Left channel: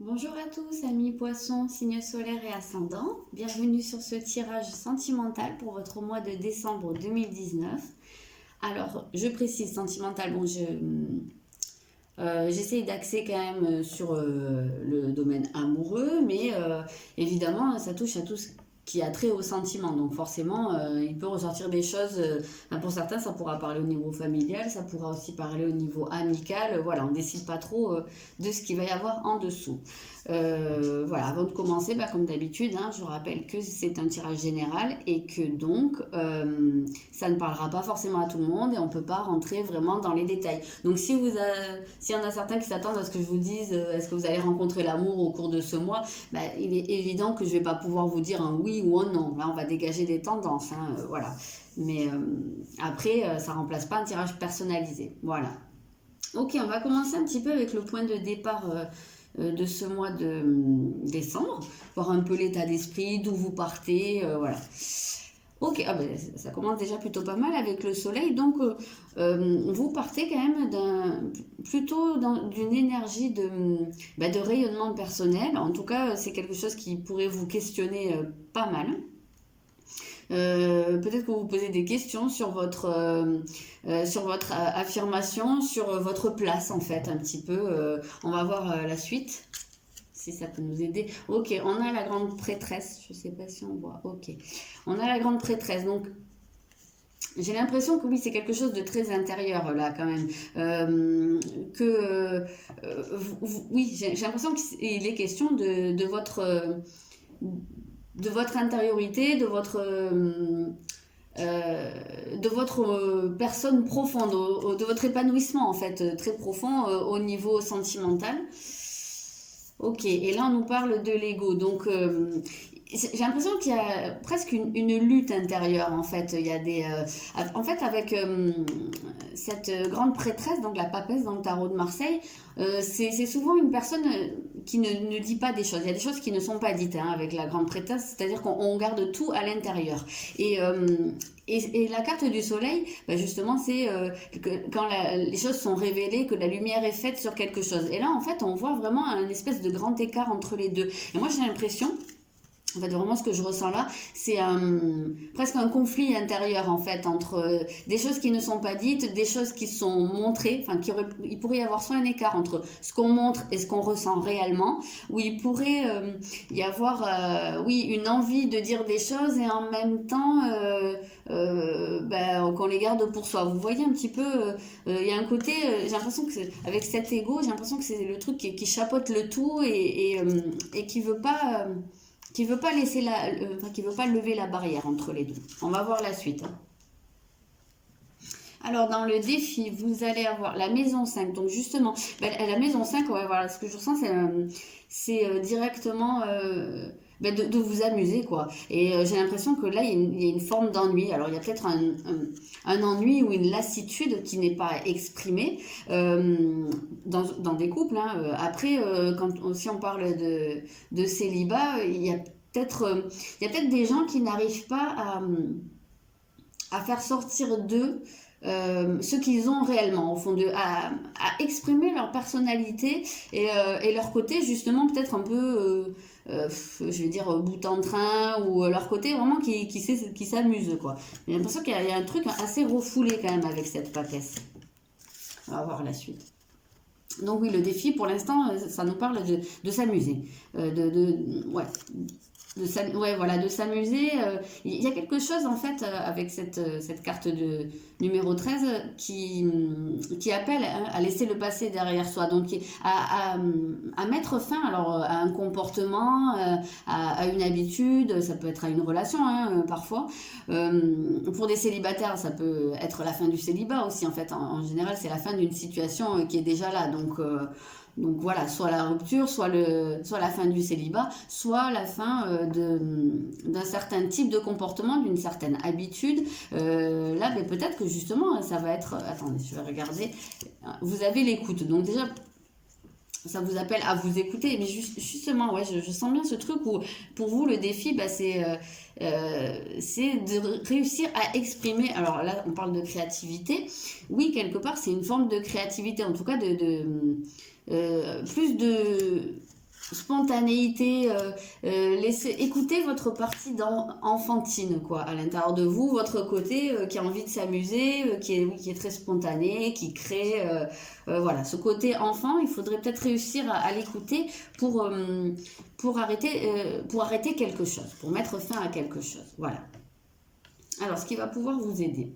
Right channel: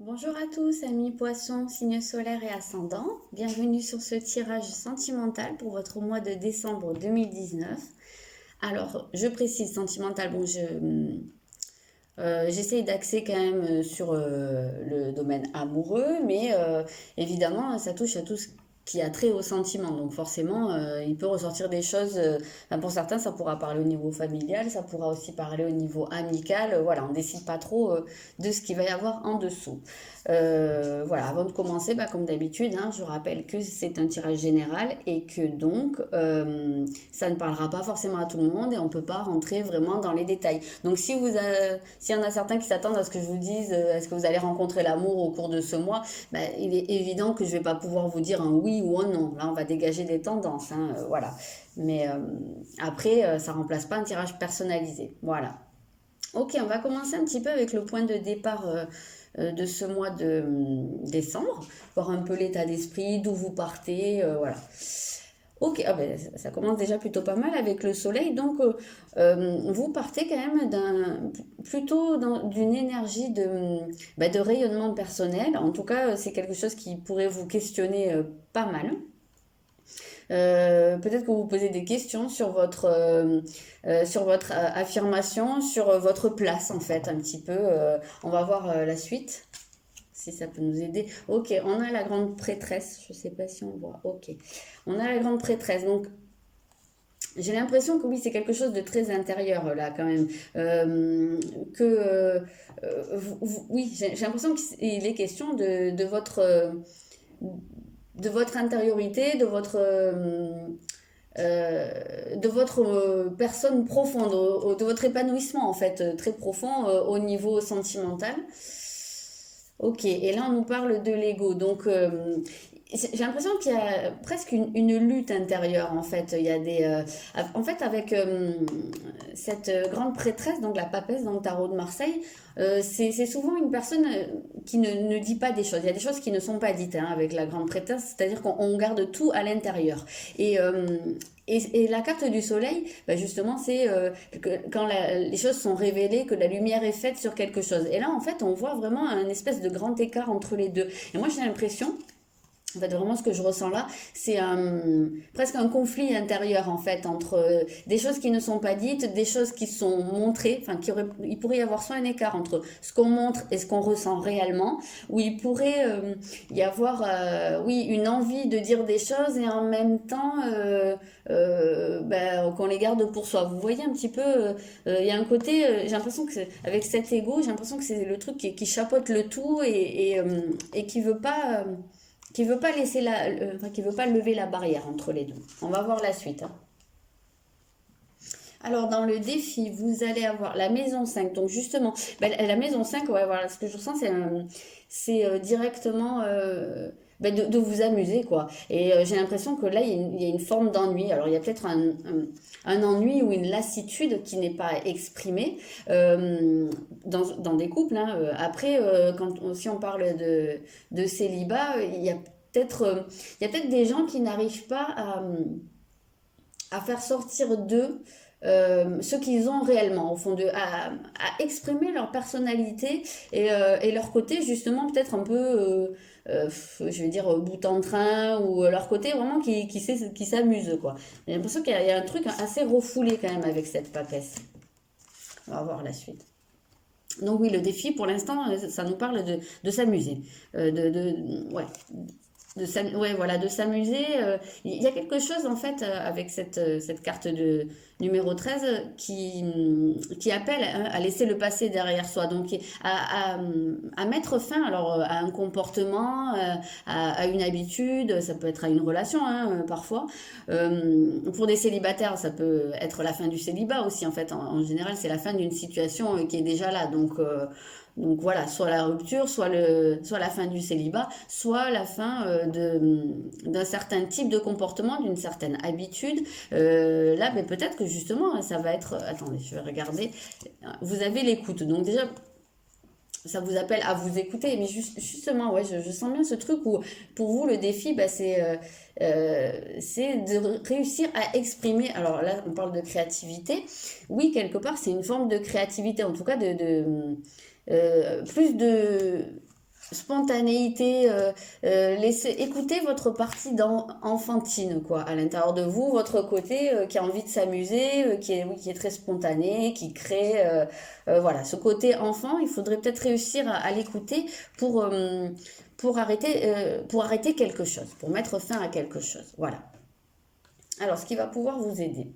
Bonjour à tous, amis poissons, signes solaires et ascendants. Bienvenue sur ce tirage sentimental pour votre mois de décembre 2019. Alors, je précise sentimental, bon, j'essaye d'axer quand même sur le domaine amoureux, mais évidemment, ça touche à tout ce qui a trait au sentiment. Donc forcément, il peut ressortir des choses. Ben, pour certains, ça pourra parler au niveau familial, ça pourra aussi parler au niveau amical. Voilà, on décide pas trop de ce qu'il va y avoir en dessous. Voilà, avant de commencer, bah, comme d'habitude, hein, je rappelle que c'est un tirage général et que donc ça ne parlera pas forcément à tout le monde et on ne peut pas rentrer vraiment dans les détails. Donc s'il y en a certains qui s'attendent à ce que je vous dise est-ce que vous allez rencontrer l'amour au cours de ce mois, bah, il est évident que je ne vais pas pouvoir vous dire un oui ou un non. Là, on va dégager des tendances, hein, voilà. Mais après, ça ne remplace pas un tirage personnalisé. Voilà. Ok, on va commencer un petit peu avec le point de départ de ce mois de décembre, voir un peu l'état d'esprit, d'où vous partez, voilà. Ok, ah ben, ça commence déjà plutôt pas mal avec le soleil, donc vous partez quand même d'une énergie de rayonnement personnel. En tout cas, c'est quelque chose qui pourrait vous questionner pas mal. Peut-être que vous posez des questions sur votre affirmation, sur votre place en fait, un petit peu. On va voir la suite, si ça peut nous aider. Ok, on a la grande prêtresse. Je sais pas si on voit. Ok, on a la grande prêtresse. Donc j'ai l'impression que oui, c'est quelque chose de très intérieur là quand même. Oui, j'ai l'impression qu'il est question de votre intériorité, de votre personne profonde, de votre épanouissement en fait, très profond au niveau sentimental. Ok, et là on nous parle de l'ego. Donc j'ai l'impression qu'il y a presque une lutte intérieure en fait. Il y a en fait avec cette grande prêtresse, donc la papesse dans le tarot de Marseille, c'est souvent une personne qui ne dit pas des choses. Il y a des choses qui ne sont pas dites hein, avec la grande prêtresse, c'est-à-dire qu'on garde tout à l'intérieur. Et et la carte du soleil, bah justement, c'est quand les choses sont révélées, que la lumière est faite sur quelque chose. Et là, en fait, on voit vraiment un espèce de grand écart entre les deux. Et moi, j'ai l'impression, en fait, vraiment, ce que je ressens là, c'est presque un conflit intérieur, en fait, entre des choses qui ne sont pas dites, des choses qui sont montrées. Enfin, il pourrait y avoir soit un écart entre ce qu'on montre et ce qu'on ressent réellement, où il pourrait y avoir, oui, une envie de dire des choses et en même temps, ben, qu'on les garde pour soi. Vous voyez un petit peu, il y a un côté, j'ai l'impression que avec cet ego, j'ai l'impression que c'est le truc qui chapeaute le tout et qui veut pas laisser enfin, qui veut pas lever la barrière entre les deux. On va voir la suite, hein. Alors, dans le défi, vous allez avoir la maison 5. Donc, justement, ben, la maison 5, ouais, voilà, ce que je ressens, c'est directement ben, de vous amuser, quoi. Et j'ai l'impression que là, il y a une forme d'ennui. Alors, il y a peut-être un ennui ou une lassitude qui n'est pas exprimée dans des couples, hein. Après, si on parle de célibat, il y a peut-être des gens qui n'arrivent pas à faire sortir d'eux ce qu'ils ont réellement, au fond d'eux, à exprimer leur personnalité et leur côté, justement, peut-être un peu, je vais dire, bout en train, ou leur côté vraiment qui s'amuse, quoi. J'ai l'impression qu'il y a un truc assez refoulé quand même avec cette papesse. On va voir la suite. Donc oui, le défi, pour l'instant, ça nous parle de s'amuser. Ouais, ouais, voilà, de s'amuser. Il y a quelque chose en fait avec cette carte de numéro 13 qui appelle hein, à laisser le passé derrière soi. Donc à mettre fin alors à un comportement, à une habitude, ça peut être à une relation hein, parfois. Pour des célibataires, ça peut être la fin du célibat aussi en fait. En général, c'est la fin d'une situation qui est déjà là. Donc voilà, soit la rupture, soit la fin du célibat, soit la fin d'un certain type de comportement, d'une certaine habitude. Là, mais peut-être que justement, ça va être... Attendez, je vais regarder. Vous avez l'écoute. Donc déjà, ça vous appelle à vous écouter. Mais justement, ouais, je sens bien ce truc où, pour vous, le défi, bah, c'est de réussir à exprimer. Alors là, on parle de créativité. Oui, quelque part, c'est une forme de créativité, en tout cas plus de spontanéité, laissez, écoutez votre partie enfantine, quoi, à l'intérieur de vous, votre côté qui a envie de s'amuser, oui, qui est très spontané, qui crée, voilà, ce côté enfant, il faudrait peut-être réussir à l'écouter pour, euh, pour arrêter quelque chose, pour mettre fin à quelque chose, voilà. Alors, ce qui va pouvoir vous aider.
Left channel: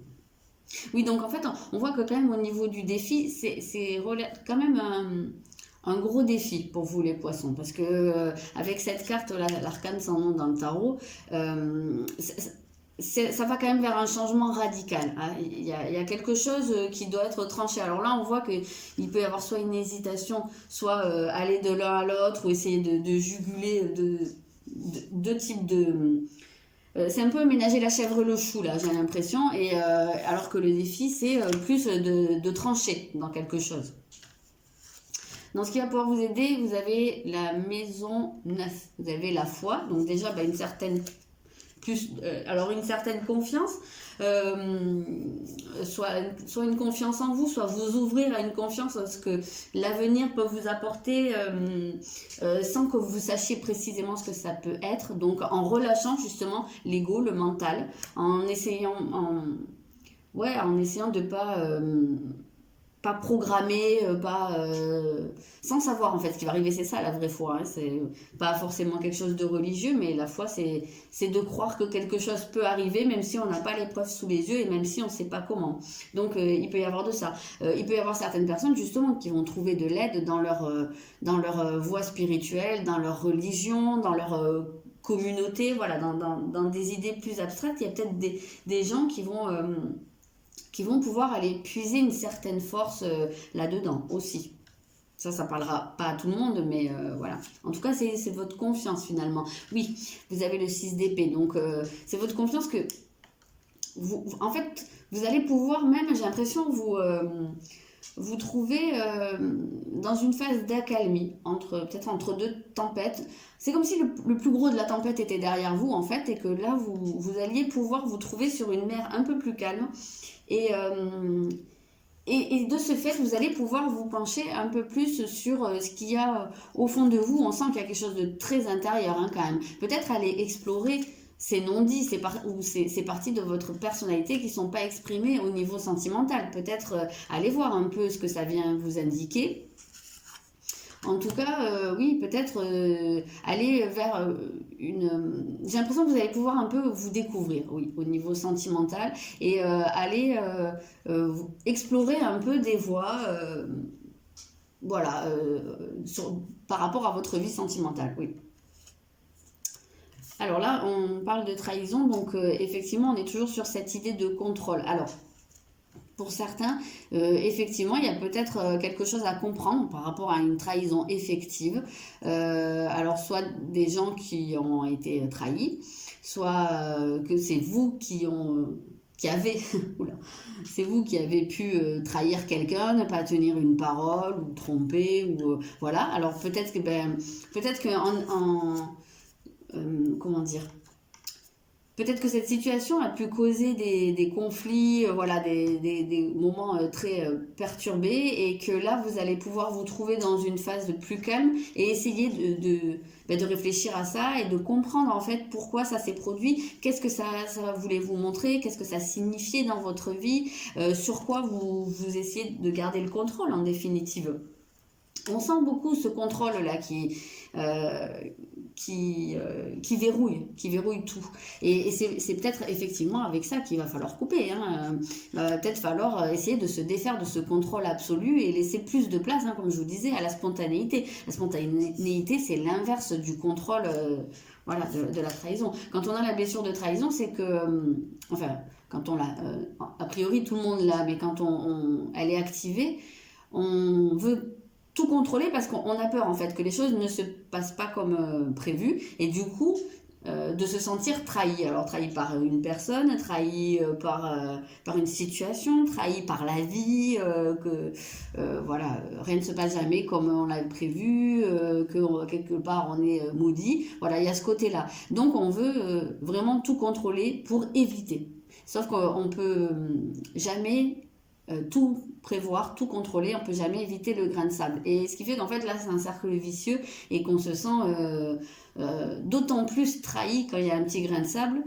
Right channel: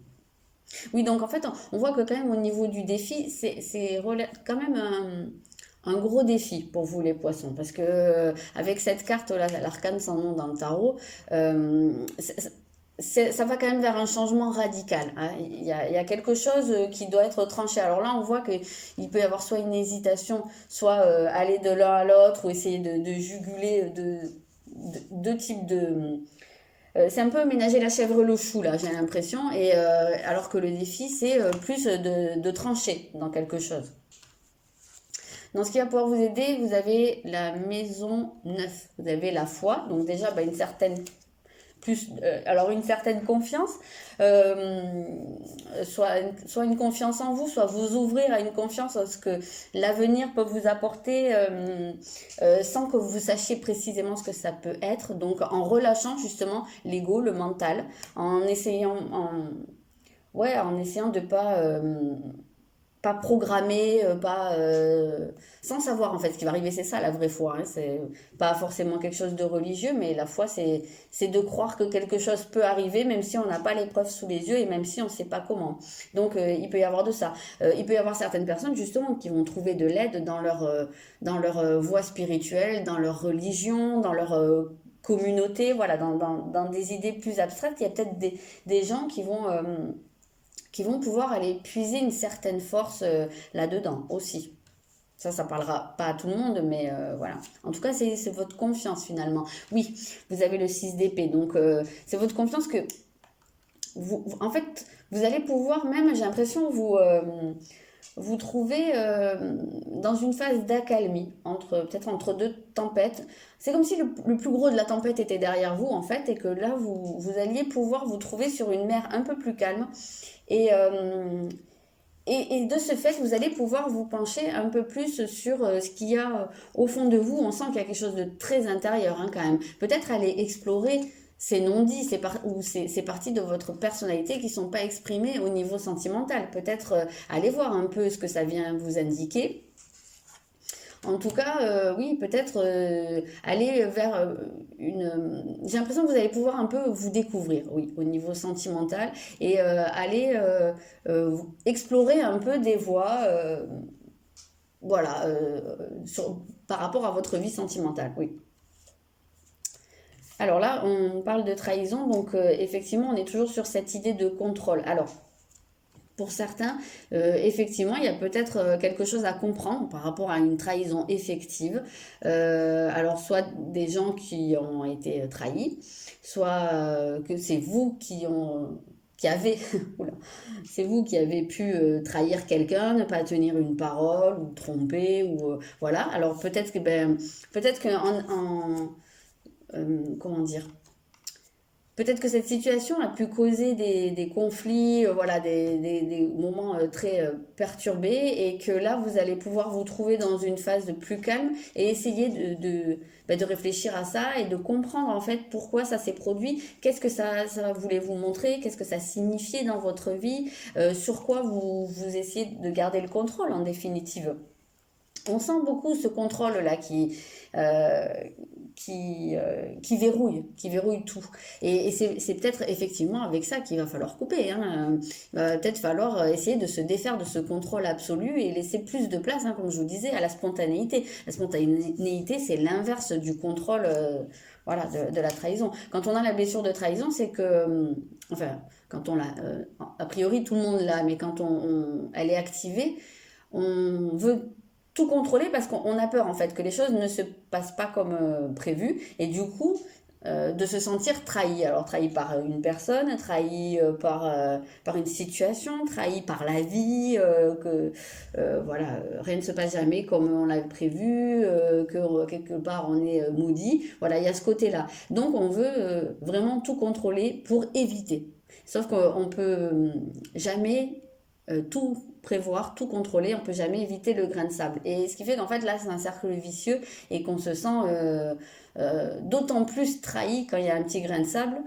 Oui, donc en fait, on voit que quand même au niveau du défi, quand même un gros défi pour vous les poissons, parce que avec cette carte, l'arcane sans nom dans le tarot, ça va quand même vers un changement radical, hein. Il y a quelque chose qui doit être tranché. Alors là, on voit qu'il peut y avoir soit une hésitation, soit aller de l'un à l'autre, ou essayer de juguler deux types de... c'est un peu ménager la chèvre et le chou, là, j'ai l'impression, et alors que le défi, c'est plus de trancher dans quelque chose. Dans ce qui va pouvoir vous aider, vous avez la maison 9, vous avez la foi, donc déjà une certaine alors une certaine confiance, soit une confiance en vous, soit vous ouvrir à une confiance à ce que l'avenir peut vous apporter sans que vous sachiez précisément ce que ça peut être. Donc en relâchant justement l'ego, le mental, en essayant de pas programmer, sans savoir en fait ce qui va arriver. C'est ça la vraie foi, hein. C'est pas forcément quelque chose de religieux, mais la foi c'est de croire que quelque chose peut arriver même si on n'a pas les preuves sous les yeux et même si on ne sait pas comment. Donc il peut y avoir de ça. Il peut y avoir certaines personnes justement qui vont trouver de l'aide dans leur voie spirituelle, dans leur religion, dans leur communauté, voilà, dans des idées plus abstraites. Il y a peut-être des gens qui vont pouvoir aller puiser une certaine force là-dedans aussi. Ça parlera pas à tout le monde, mais voilà. En tout cas, c'est votre confiance finalement. Oui, vous avez le 6 d'épée, donc c'est votre confiance que en fait, vous allez pouvoir même, j'ai l'impression, vous trouver dans une phase d'accalmie, peut-être entre deux tempêtes. C'est comme si le plus gros de la tempête était derrière vous, en fait, et que là, vous alliez pouvoir vous trouver sur une mer un peu plus calme. Et, et de ce fait, vous allez pouvoir vous pencher un peu plus sur ce qu'il y a au fond de vous. On sent qu'il y a quelque chose de très intérieur, hein, quand même. Peut-être aller explorer ces non-dits, ou ces parties de votre personnalité qui ne sont pas exprimées au niveau sentimental. Peut-être aller voir un peu ce que ça vient vous indiquer. En tout cas, oui, peut-être aller vers j'ai l'impression que vous allez pouvoir un peu vous découvrir, oui, au niveau sentimental, et aller explorer un peu des voies, voilà, par rapport à votre vie sentimentale, oui. Alors là, on parle de trahison, donc effectivement, on est toujours sur cette idée de contrôle. Alors, pour certains, effectivement, il y a peut-être quelque chose à comprendre par rapport à une trahison effective. Alors, soit des gens qui ont été trahis, soit que c'est vous qui avez, c'est vous qui avez pu trahir quelqu'un, ne pas tenir une parole ou tromper ou voilà. Alors peut-être que comment dire. Peut-être que cette situation a pu causer des conflits, voilà, des moments très perturbés, et que là, vous allez pouvoir vous trouver dans une phase de plus calme et essayer de réfléchir à ça et de comprendre en fait pourquoi ça s'est produit, qu'est-ce que ça voulait vous montrer, qu'est-ce que ça signifiait dans votre vie, sur quoi vous essayez de garder le contrôle en définitive. On sent beaucoup ce contrôle-là qui verrouille tout. Et c'est peut-être effectivement avec ça qu'il va falloir couper, hein. Peut-être falloir essayer de se défaire de ce contrôle absolu et laisser plus de place, hein, comme je vous disais, à la spontanéité. La spontanéité, c'est l'inverse du contrôle, voilà, de la trahison. Quand on a la blessure de trahison, c'est que, enfin, quand on l'a, a priori tout le monde l'a, mais quand elle est activée, on veut tout contrôler parce qu'on a peur en fait que les choses ne se passent pas comme prévu, et du coup de se sentir trahi. Alors trahi par une personne, trahi par une situation, trahi par la vie, que voilà, rien ne se passe jamais comme on l'avait prévu, que quelque part on est maudit. Voilà, il y a ce côté-là. Donc on veut vraiment tout contrôler pour éviter. Sauf qu'on peut jamais tout prévoir, tout contrôler, on peut jamais éviter le grain de sable. Et ce qui fait qu'en fait là c'est un cercle vicieux et qu'on se sent d'autant plus trahi quand il y a un petit grain de sable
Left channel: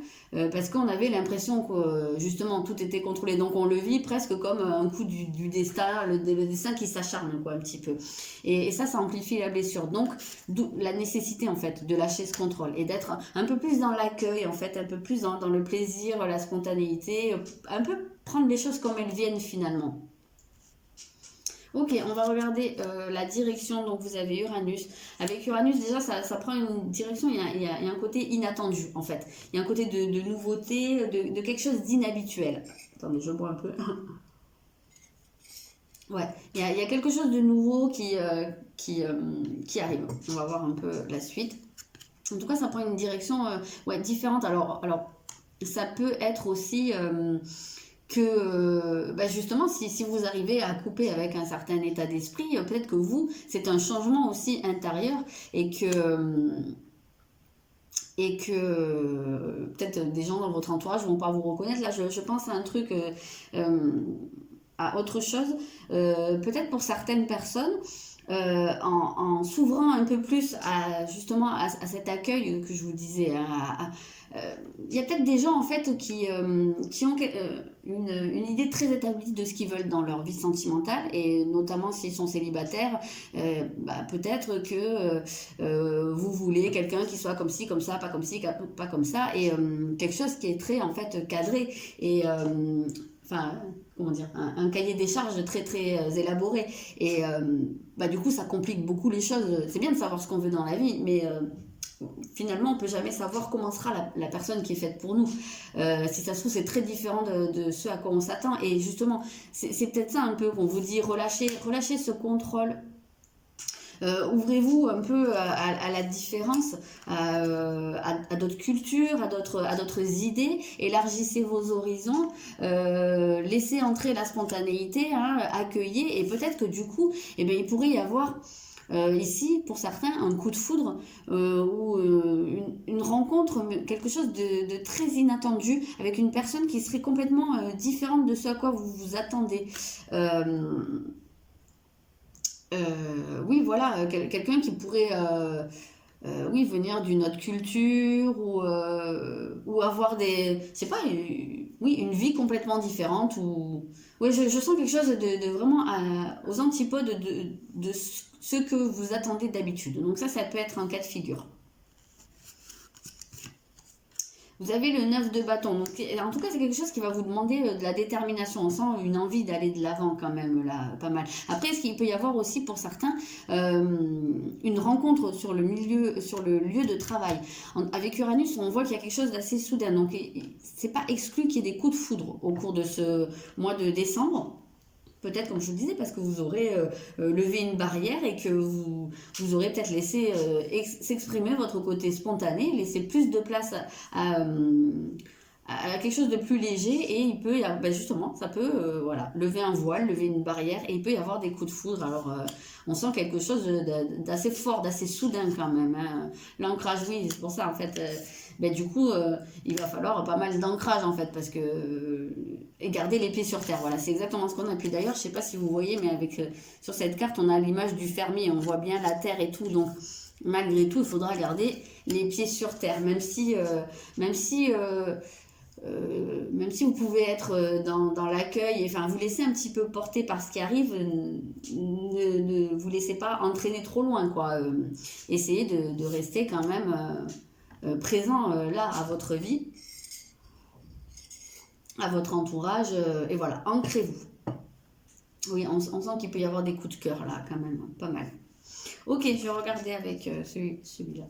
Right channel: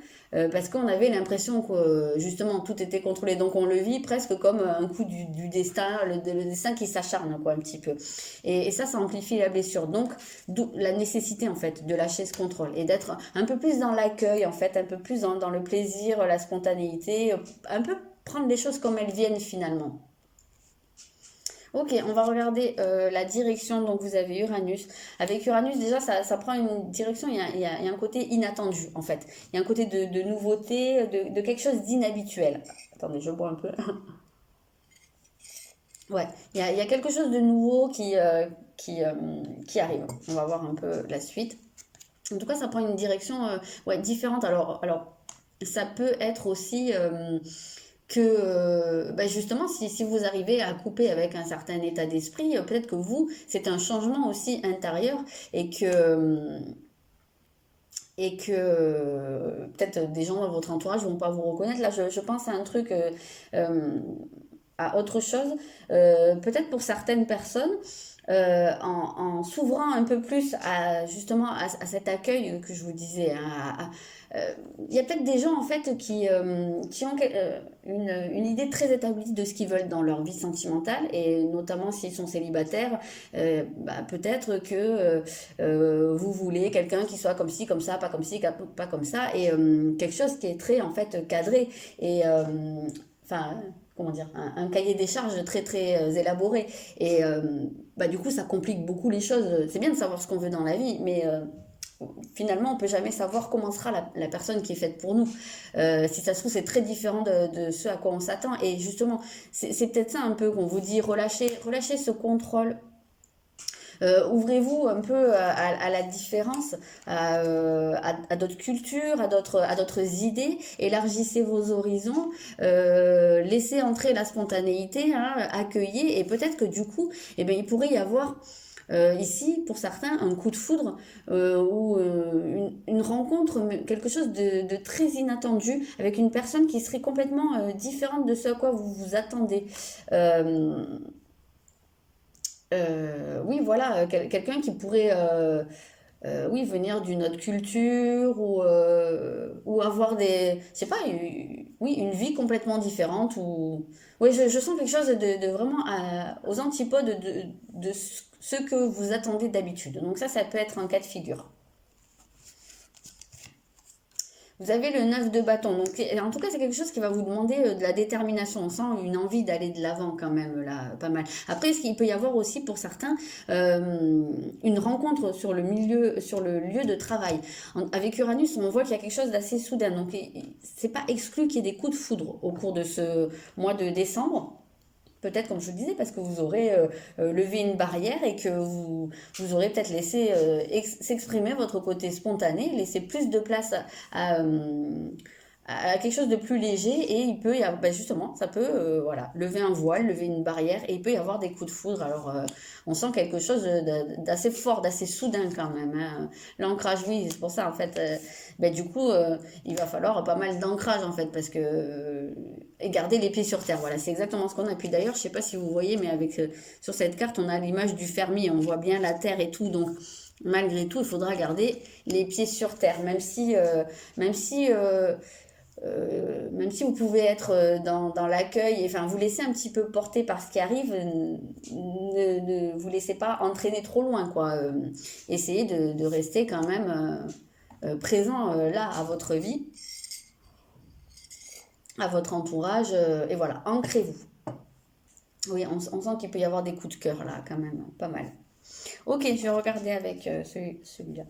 parce qu'on avait l'impression que justement tout était contrôlé. Donc on le vit presque comme un coup du destin, le destin qui s'acharne quoi un petit peu. Et ça amplifie la blessure. Donc d'où la nécessité en fait de lâcher ce contrôle et d'être un peu plus dans l'accueil en fait, un peu plus dans le plaisir, la spontanéité, un peu prendre les choses comme elles viennent finalement. Ok, on va regarder la direction. Donc vous avez Uranus. Avec Uranus, déjà, ça prend une direction. Il y a un côté inattendu, en fait. Il y a un côté de nouveauté, de quelque chose d'inhabituel. Attendez, je bois un peu. Ouais, il y a quelque chose de nouveau qui arrive. On va voir un peu la suite. En tout cas, ça prend une direction ouais, différente. Alors, ça peut être aussi que bah justement si vous arrivez à couper avec un certain état d'esprit, peut-être que vous, c'est un changement aussi intérieur et que peut-être des gens dans votre entourage vont pas vous reconnaître. Là, je pense à un truc, euh, à autre chose. Peut-être pour certaines personnes, en s'ouvrant un peu plus à justement à cet accueil que je vous disais, il y a peut-être des gens en fait qui ont une idée très établie de ce qu'ils veulent dans leur vie sentimentale et notamment s'ils sont célibataires, bah, peut-être que vous voulez quelqu'un qui soit comme ci, comme ça, pas comme ci, pas comme ça et quelque chose qui est très en fait cadré et enfin comment dire, un cahier des charges très très élaboré et bah, du coup ça complique beaucoup les choses. C'est bien de savoir ce qu'on veut dans la vie mais finalement, on peut jamais savoir comment sera la personne qui est faite pour nous. Si ça se trouve, c'est très différent de ce à quoi on s'attend. Et justement, c'est peut-être ça un peu qu'on vous dit, relâchez ce contrôle. Ouvrez-vous un peu à la différence, à d'autres cultures, à d'autres idées, élargissez vos horizons, laissez entrer la spontanéité, hein, accueillez, et peut-être que du coup, eh ben, il pourrait y avoir ici, pour certains, un coup de foudre ou une rencontre, quelque chose de très inattendu avec une personne qui serait complètement différente de ce à quoi vous vous attendez. Euh, oui, voilà, quelqu'un qui pourrait oui, venir d'une autre culture ou avoir je sais pas, oui, une vie complètement différente. Oui, je sens quelque chose de vraiment aux antipodes de ce que vous attendez d'habitude. Donc ça peut être un cas de figure. Vous avez le 9 de bâton. Donc, en tout cas, c'est quelque chose qui va vous demander de la détermination. On sent une envie d'aller de l'avant quand même, là, pas mal. Après, ce qu'il peut y avoir aussi pour certains, une rencontre sur le lieu de travail. Avec Uranus, on voit qu'il y a quelque chose d'assez soudain. Donc, c'est pas exclu qu'il y ait des coups de foudre au cours de ce mois de décembre. Peut-être, comme je le disais, parce que vous aurez levé une barrière et que vous aurez peut-être laissé s'exprimer votre côté spontané, laisser plus de place à quelque chose de plus léger et il peut y avoir, ben justement, ça peut voilà, lever un voile, lever une barrière et il peut y avoir des coups de foudre. Alors, on sent quelque chose d'assez fort, d'assez soudain quand même. Hein. L'ancrage, oui, c'est pour ça en fait. Ben, du coup, il va falloir pas mal d'ancrage en fait parce que et garder les pieds sur terre. Voilà, c'est exactement ce qu'on a. Puis d'ailleurs, je sais pas si vous voyez, mais avec sur cette carte, on a l'image du fermier. On voit bien la terre et tout, donc malgré tout, il faudra garder les pieds sur terre, même si même si vous pouvez être dans l'accueil, enfin vous laissez un petit peu porter par ce qui arrive, ne vous laissez pas entraîner trop loin, quoi. Essayez de rester quand même présent là à votre vie, à votre entourage, et voilà, ancrez-vous. Oui, on sent qu'il peut y avoir des coups de cœur là, quand même, hein, pas mal. Ok, je vais regarder avec celui-là.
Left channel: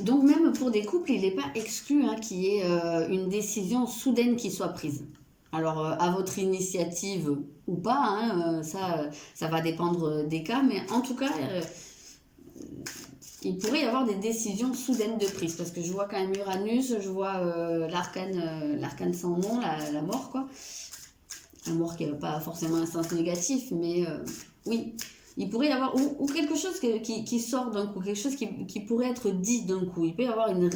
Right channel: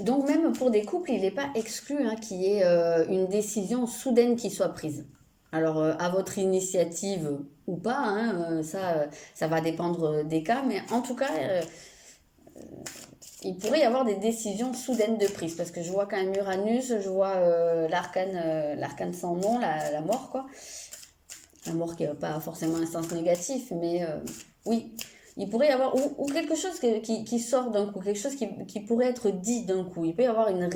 Donc même pour des couples, il n'est pas exclu hein, qu'il y ait une décision soudaine qui soit prise. Alors à votre initiative ou pas, hein, ça va dépendre des cas, mais en tout cas, il pourrait y avoir des décisions soudaines de prise, parce que je vois quand même Uranus, je vois l'arcane sans nom, la mort, quoi. La mort qui n'a pas forcément un sens négatif, mais oui, il pourrait y avoir, ou quelque chose qui sort d'un coup, quelque chose qui pourrait être dit d'un coup. Il peut y avoir une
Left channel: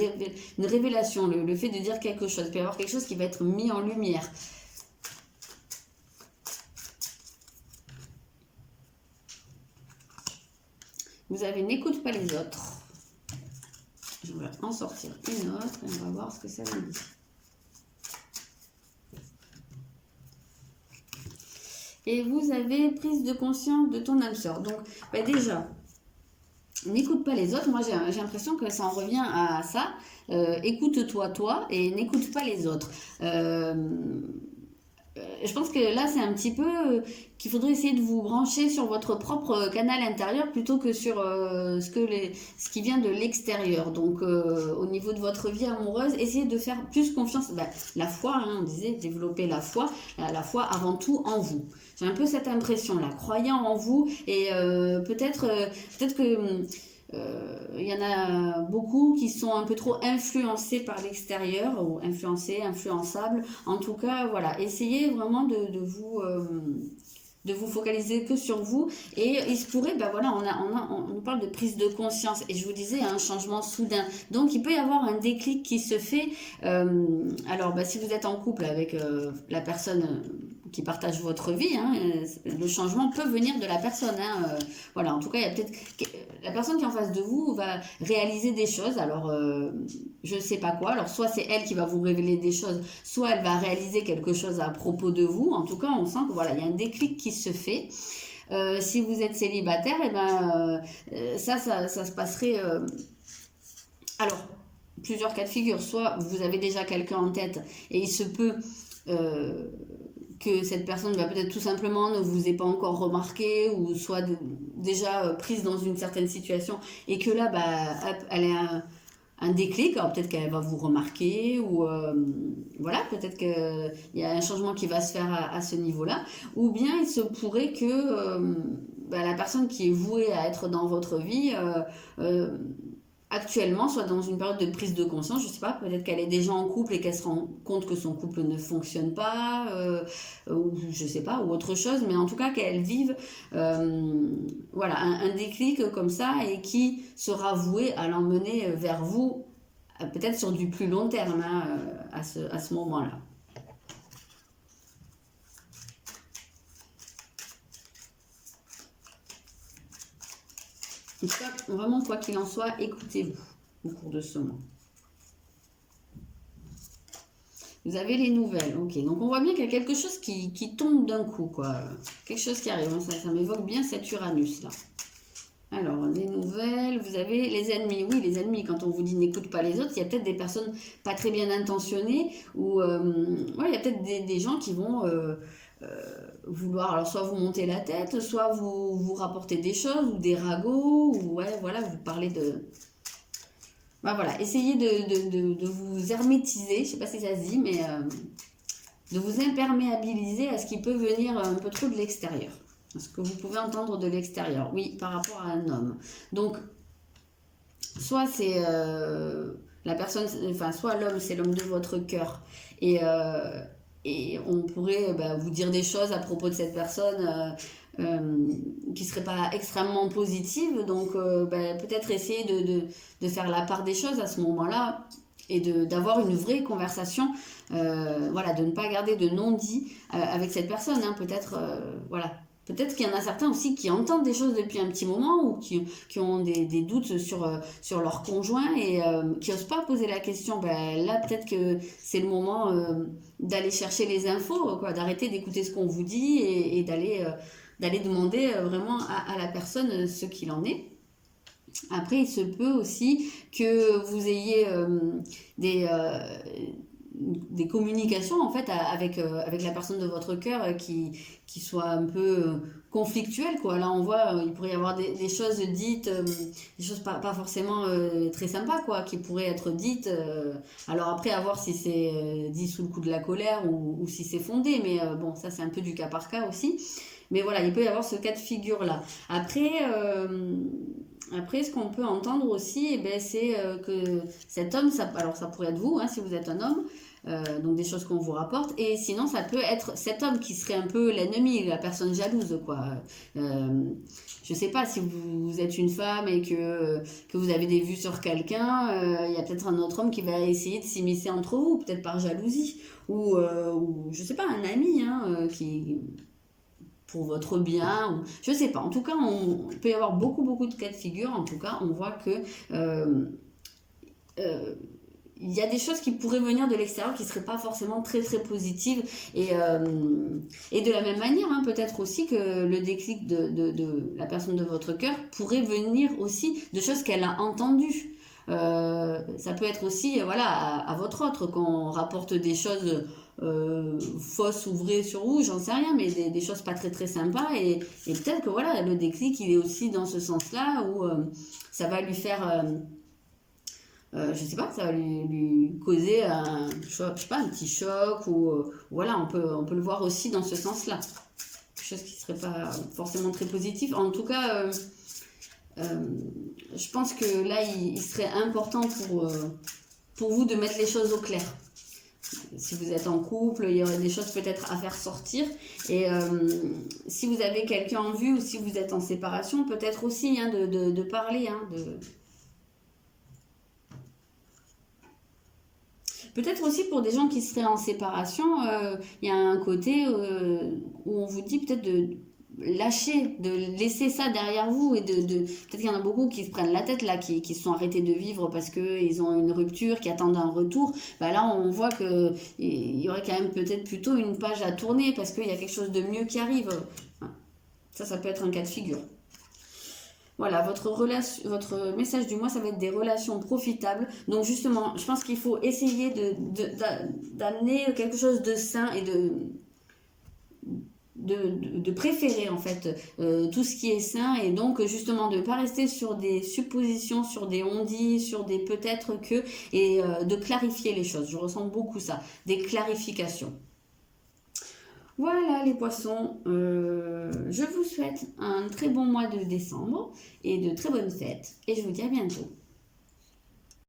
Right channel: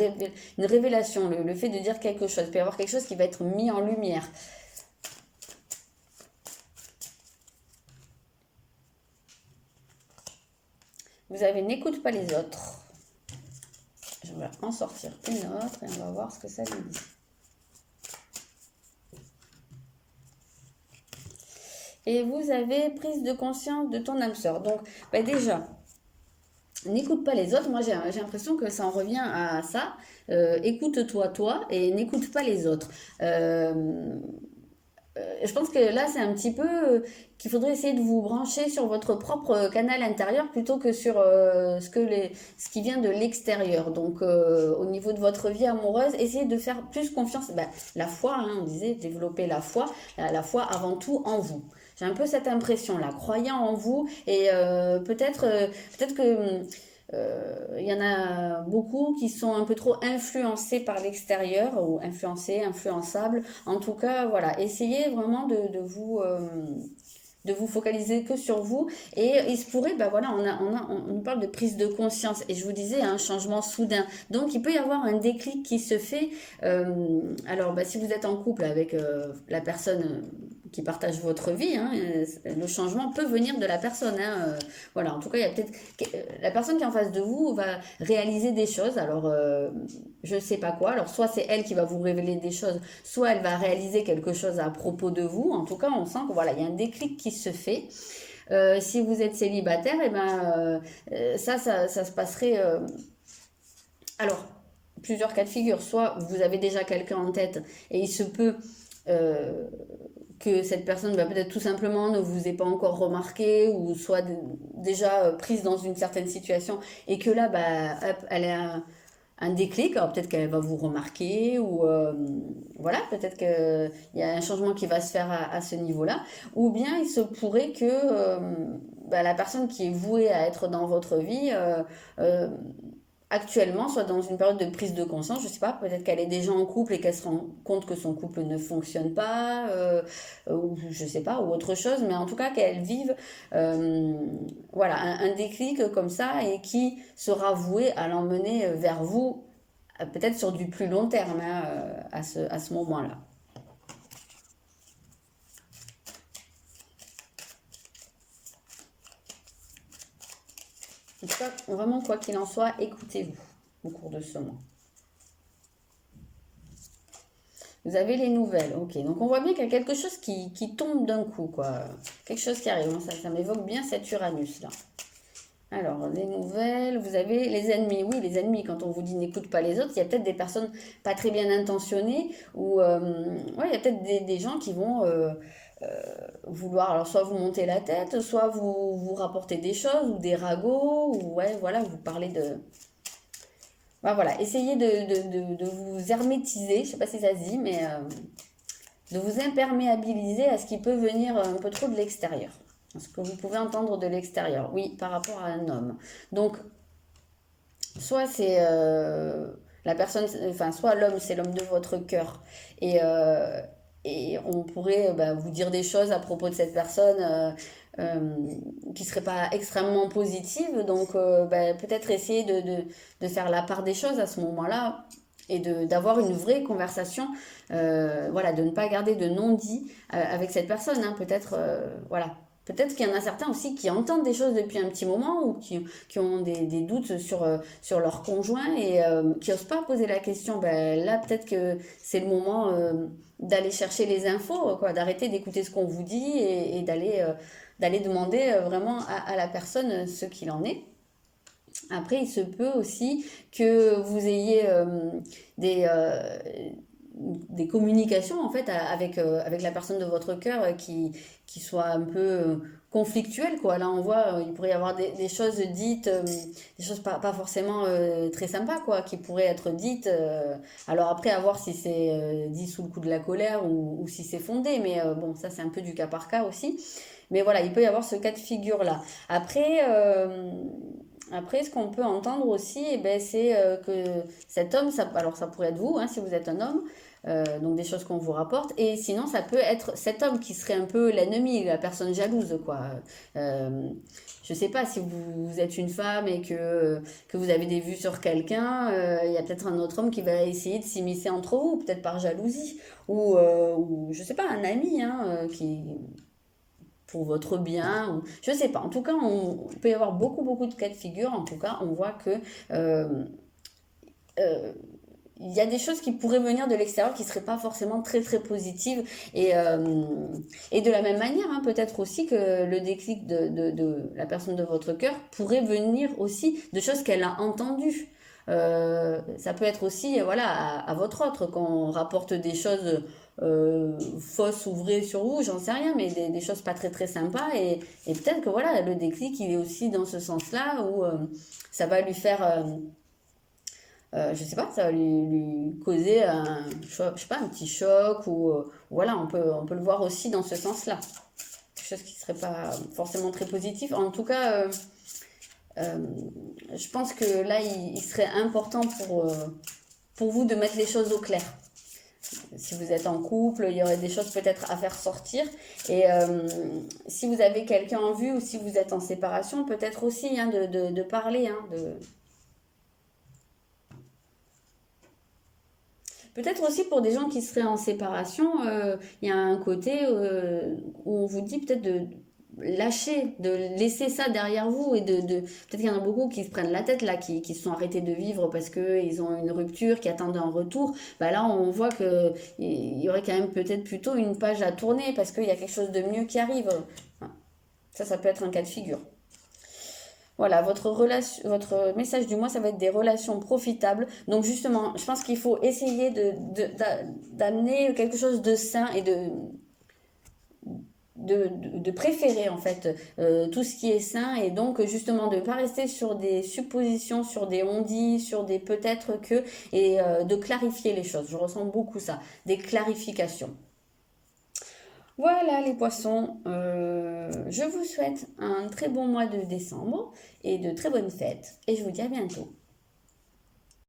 révélation, le fait de dire quelque chose. Il peut y avoir quelque chose qui va être mis en lumière. Vous avez n'écoute pas les autres. Je vais en sortir une autre et on va voir ce que ça nous dit. Et vous avez prise de conscience de ton âme sœur. Donc, déjà, n'écoute pas les autres. Moi, j'ai l'impression que ça en revient à ça. Écoute-toi, toi, et n'écoute pas les autres. Je pense que là, c'est un petit peu qu'il faudrait essayer de vous brancher sur votre propre canal intérieur plutôt que sur ce qui vient de l'extérieur. Donc, au niveau de votre vie amoureuse, essayez de faire plus confiance. La foi, hein, on disait, développer la foi avant tout en vous. J'ai un peu cette impression-là, croyant en vous et peut-être que il y en a beaucoup qui sont un peu trop influencés par l'extérieur ou influencés, influençables. En tout cas, voilà, essayez vraiment de vous focaliser que sur vous et il se pourrait, voilà, on parle de prise de conscience et je vous disais un changement soudain, donc il peut y avoir un déclic qui se fait. Alors si vous êtes en couple avec la personne qui partage votre vie, hein, le changement peut venir de la personne, hein, voilà, en tout cas il y a peut-être la personne qui est en face de vous va réaliser des choses, alors je ne sais pas quoi, alors soit c'est elle qui va vous révéler des choses, soit elle va réaliser quelque chose à propos de vous. En tout cas on sent que voilà, il y a un déclic qui se fait. Si vous êtes célibataire, ça se passerait alors plusieurs cas de figure, soit vous avez déjà quelqu'un en tête et il se peut que cette personne peut-être tout simplement ne vous ait pas encore remarqué ou soit déjà prise dans une certaine situation et que là hop, elle est un déclic, alors peut-être qu'elle va vous remarquer ou voilà, peut-être qu'il y a un changement qui va se faire à ce niveau-là, ou bien il se pourrait que la personne qui est vouée à être dans votre vie actuellement soit dans une période de prise de conscience, je sais pas, peut-être qu'elle est déjà en couple et qu'elle se rend compte que son couple ne fonctionne pas, ou je sais pas, ou autre chose, mais en tout cas qu'elle vive voilà, un déclic comme ça et qui sera voué à l'emmener vers vous, peut-être sur du plus long terme, hein, à ce moment-là. En tout cas, vraiment, quoi qu'il en soit, écoutez-vous au cours de ce mois. Vous avez les nouvelles, ok. Donc on voit bien qu'il y a quelque chose qui tombe d'un coup, quoi. Quelque chose qui arrive. Ça m'évoque bien cet Uranus, là. Alors, les nouvelles, vous avez les ennemis. Oui, les ennemis, quand on vous dit n'écoute pas les autres, il y a peut-être des personnes pas très bien intentionnées ou il y a peut-être des gens qui vont vouloir alors soit vous monter la tête, soit vous rapporter des choses ou des ragots, ou voilà, vous parlez de... voilà, essayez de vous hermétiser, je sais pas si ça se dit, mais de vous imperméabiliser à ce qui peut venir un peu trop de l'extérieur. Ce que vous pouvez entendre de l'extérieur, oui, par rapport à un homme. Donc, soit c'est la personne, enfin, soit l'homme, c'est l'homme de votre cœur. Et on pourrait vous dire des choses à propos de cette personne qui ne seraient pas extrêmement positives. Donc, peut-être essayer de faire la part des choses à ce moment-là et d'avoir une vraie conversation. Voilà, de ne pas garder de non-dit avec cette personne. Hein, peut-être, voilà. Peut-être qu'il y en a certains aussi qui entendent des choses depuis un petit moment ou qui ont des doutes sur leur conjoint et qui n'osent pas poser la question. Là, peut-être que c'est le moment d'aller chercher les infos, quoi, d'arrêter d'écouter ce qu'on vous dit et d'aller demander vraiment à la personne ce qu'il en est. Après, il se peut aussi que vous ayez des communications en fait avec la personne de votre cœur qui soit un peu conflictuelles, quoi. Là on voit il pourrait y avoir des choses dites, des choses pas forcément très sympas, quoi, qui pourraient être dites, alors après à voir si c'est dit sous le coup de la colère ou si c'est fondé, mais bon, ça c'est un peu du cas par cas aussi, mais voilà, il peut y avoir ce cas de figure là. Après, ce qu'on peut entendre aussi, c'est que cet homme, alors ça pourrait être vous, hein, si vous êtes un homme, donc des choses qu'on vous rapporte, et sinon ça peut être cet homme qui serait un peu l'ennemi, la personne jalouse, quoi. Je sais pas, si vous êtes une femme et que vous avez des vues sur quelqu'un, il y a peut-être un autre homme qui va essayer de s'immiscer entre vous, peut-être par jalousie, ou je sais pas, un ami, hein, pour votre bien, ou, je sais pas. En tout cas, il peut y avoir beaucoup de cas de figure. En tout cas, on voit que euh, il y a des choses qui pourraient venir de l'extérieur qui ne seraient pas forcément très positives. Et de la même manière, hein, peut-être aussi que le déclic de la personne de votre cœur pourrait venir aussi de choses qu'elle a entendues. Ça peut être aussi voilà, à votre autre, quand on rapporte des choses fausses ou vraies sur vous, j'en sais rien, mais des choses pas très sympas. Et peut-être que voilà, le déclic, il est aussi dans ce sens-là, où ça va lui faire... je sais pas, ça va lui causer un, je sais pas, un petit choc ou voilà, on peut le voir aussi dans ce sens-là. Quelque chose qui serait pas forcément très positif. En tout cas, je pense que là, il serait important pour vous de mettre les choses au clair. Si vous êtes en couple, il y aurait des choses peut-être à faire sortir. Et si vous avez quelqu'un en vue ou si vous êtes en séparation, peut-être aussi hein, de parler, hein, Peut-être aussi pour des gens qui seraient en séparation, il y a un côté où on vous dit peut-être de lâcher, de laisser ça derrière vous et peut-être qu'il y en a beaucoup qui se prennent la tête là, qui se sont arrêtés de vivre parce qu'ils ont une rupture, qui attendent un retour. Bah là, on voit que il y aurait quand même peut-être plutôt une page à tourner parce qu'il y a quelque chose de mieux qui arrive. Ça peut être un cas de figure. Voilà, votre message du mois, ça va être des relations profitables. Donc justement, je pense qu'il faut essayer d'amener quelque chose de sain et de préférer en fait tout ce qui est sain et donc justement de ne pas rester sur des suppositions, sur des on-dit, sur des peut-être que et de clarifier les choses. Je ressens beaucoup ça, des clarifications. Voilà les poissons, je vous souhaite un très bon mois de décembre et de très bonnes fêtes et je vous dis à bientôt.